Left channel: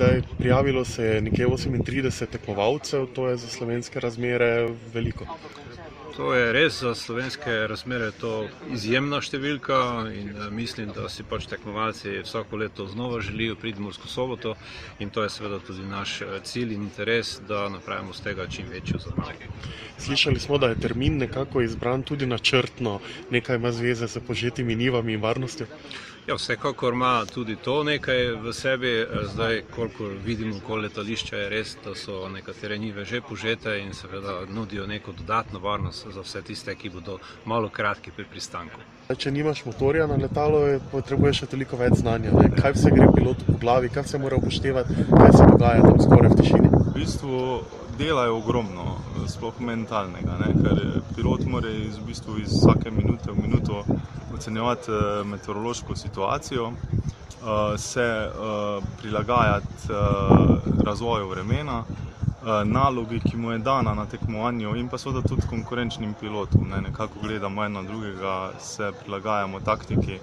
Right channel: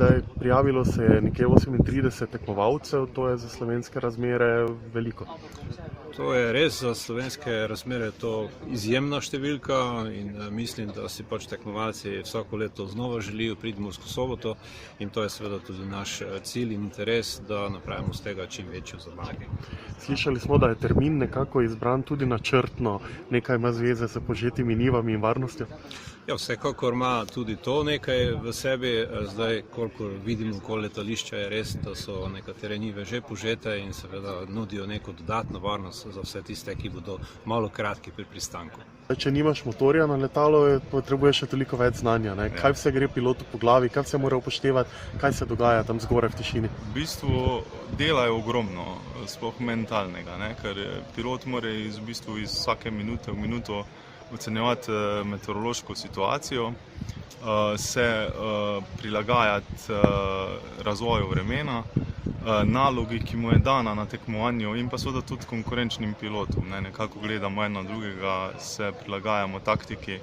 zdaj prijavilo se je nekje 38 tekmovalcev, to je za slovenske razmere veliko. To je res, za slovenske razmere to izjemna številka in mislim, da si pač tekmovalci vsako leto znova želijo priti v Mursko Soboto in to je seveda tudi naš cilj in interes, da napravimo z tega čim večjo zabavo. Slišali smo, da je termin nekako izbran tudi načrtno, nekaj ima zveze s požetimi njivami in varnostjo? Ja, vsekakor ima tudi to nekaj v sebi. Zdaj, kolikor vidimo okoli letališča, je res, da so nekatere njive že požete in seveda nudijo neko dodatno varnost za vse tiste, ki bodo malo kratki pri pristanku. Če nimaš motorja na letalo, potrebuješ še toliko več znanja. Ne? Kaj vse gre pilotu po glavi, kaj vse mora upoštevati, kaj se dogaja tam skoraj v tišini? V bistvu dela je ogromno, sploh mentalnega, ne? Ker pilot mora iz vsake minute v minuto ocenjevati meteorološko situacijo, se prilagajati razvoju vremena, nalogi, ki mu je dana na tekmovanju in pa seveda tudi konkurenčnim pilotom. Nekako gledamo eno drugega, se prilagajamo taktiki,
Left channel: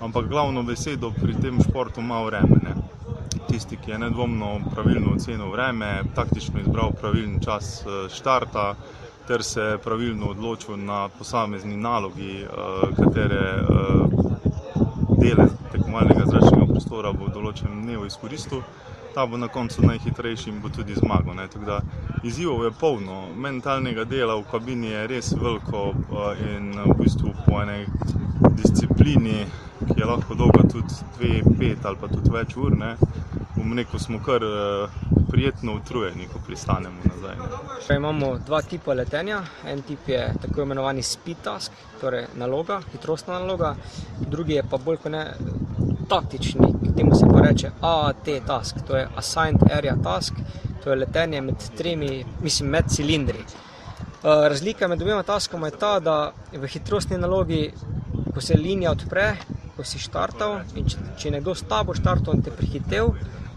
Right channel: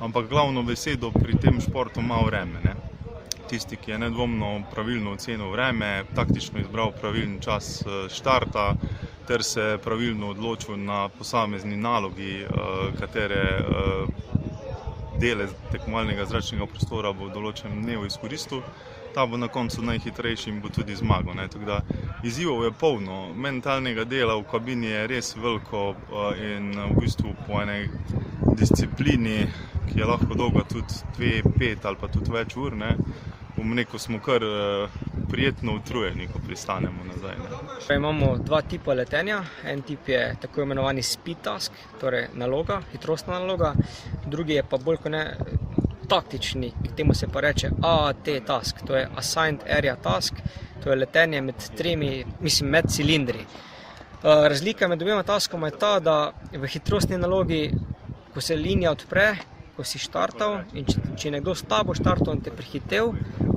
ampak glavno besedo pri tem športu ima vreme. Ne? Tisti, ki je nedvomno pravilno ocenil vreme, taktično izbral pravilen čas štarta ter se pravilno odločil na posamezni nalogi, katere dele tekmovalnega zračnega prostora bo v določenem dnevu izkoristil, ta bo na koncu najhitrejši in bo tudi zmagal. Tako da izzivov je polno, mentalnega dela v kabini je res veliko in v bistvu po enej disciplini, ki je lahko dolga tudi 2, 5 ali pa tudi več ur, bom rekel, smo kar prijetno utrujeni, ko pristanemo nazaj. Imamo dva tipa letenja. En tip je tako imenovani speed task, torej naloga, hitrostna naloga. Drugi je pa bolj kot ne taktični, temu se pa reče AAT task, to je Assigned Area Task, to je letenje med cilindri. Razlika med obema taskoma je ta, da v hitrostni nalogi, ko se linija odpre, ko si štartal in če nekdo s tabo štartal in te prehitev,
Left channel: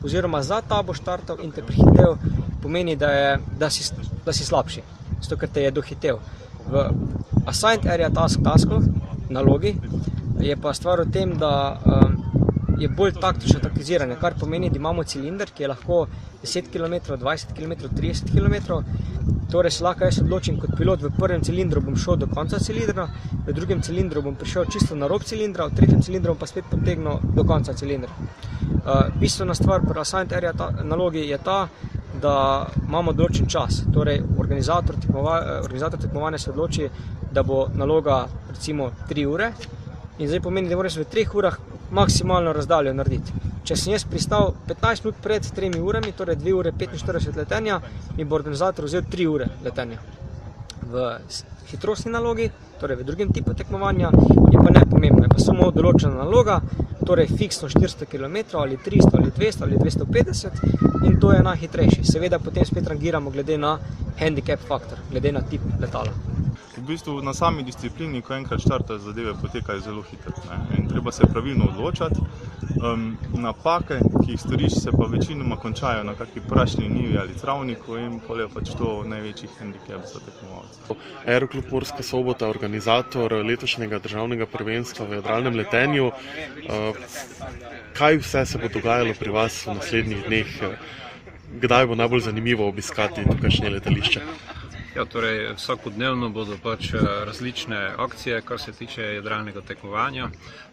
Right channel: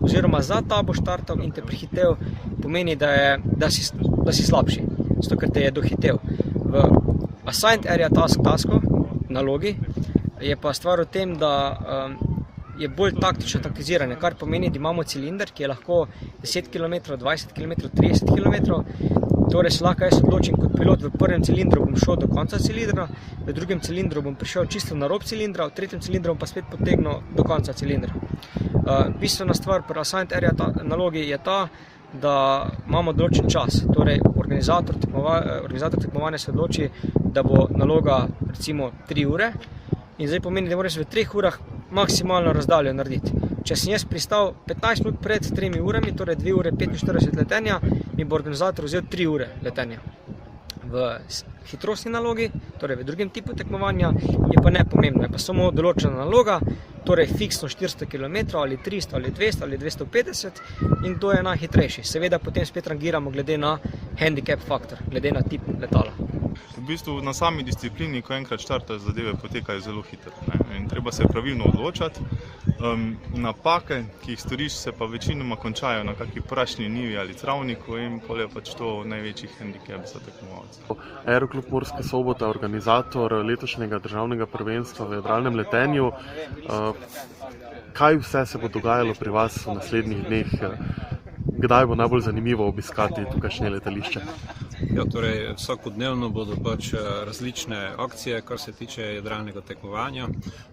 oziroma za tabo štartal in te prehitev, pomeni, da si slabši, zato ker te je dohitev. V Assigned Area Tasku, nalogi, je pa stvar v tem, da je bolj taktično taktiziranje, kar pomeni, da imamo cilinder, ki je lahko 10 km, 20 km, 30 km. Torej se lahko jaz odločim kot pilot, v prvem cilindru bom šel do konca cilindra, v drugem cilindru bom prišel čisto na rob cilindra, v tretjem cilindru bom pa spet potegnil do konca cilindra. Bistvena stvar pri Assigned Area nalogi je ta, da imamo določen čas. Torej, organizator tekmovanja se odloči, da bo naloga recimo 3 ure in zdaj pomeni, da moraš v 3 urah maksimalno razdaljo narediti. Če sem jaz pristal 15 minut pred 3 urami, torej 2 ure 45 letenja, mi bo organizator vzel 3 ure letenja. V hitrostni nalogi, torej v drugem tipu tekmovanja, je pa nepomembno, je pa samo določena naloga, torej fiksno 400 km ali 300 ali 200 ali 250 in to je najhitrejši. Seveda potem spet rangiramo glede na handicap faktor, glede na tip letala. V bistvu na sami disciplini, ko enkrat štartaš, zadeve potekajo zelo hitro. In treba se pravilno odločati. Napake, ki jih storiš, se pa večinoma končajo na kakšni prašni njivi ali travniku in pol je pač to največji handicap za tekmovalce. Aeroklub Murska Sobota, organizator letošnjega državnega prvenstva v jadralnem letenju. Kaj vse se bo dogajalo pri vas v naslednjih dneh? Kdaj bo najbolj zanimivo obiskati tukajšnje letališče? Ja, torej vsakodnevno bodo pač različne akcije, kar se tiče jadralnega tekmovanja,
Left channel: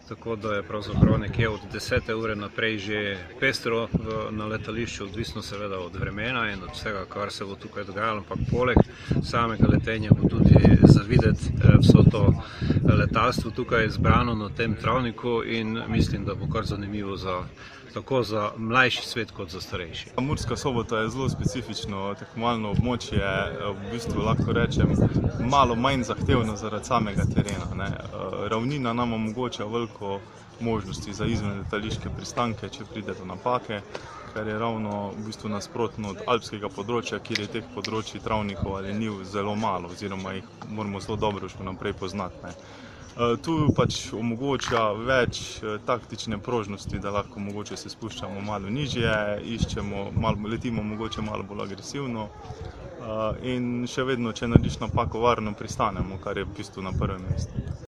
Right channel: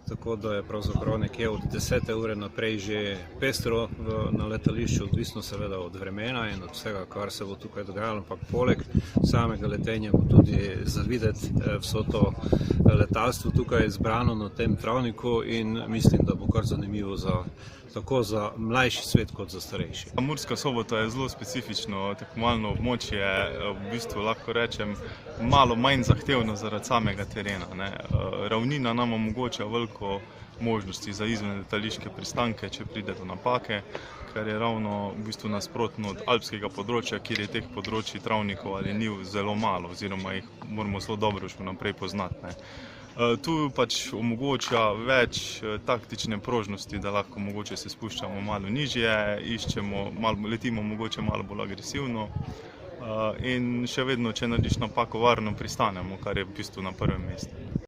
tako da je pravzaprav nekje od 10. ure naprej že pestro na letališču, odvisno seveda od vremena in od vsega, kar se bo tukaj dogajalo, ampak poleg samega letenja bo tudi zavideti vso to letalstvo tukaj zbrano na tem travniku in mislim, da bo kar zanimivo tako za mlajši svet kot za starejši. Murska Sobota je zelo specifično tekmovalno območje, v bistvu lahko rečem malo manj zahtevno zaradi samega terena. Ravnina nam omogoča veliko možnosti za izven letališke pristanke, če pride do napake, kar je ravno v bistvu nasprotno od alpskega področja, kjer je teh področij travnikov ali njiv zelo malo, oziroma jih moramo zelo dobro še naprej poznati. Tu pač omogoča več taktične prožnosti, da lahko mogoče se spuščamo malo nižje, letimo mogoče malo bolj agresivno in še vedno, če narediš napako, varno pristanemo, kar je v bistvu na prvem mestu.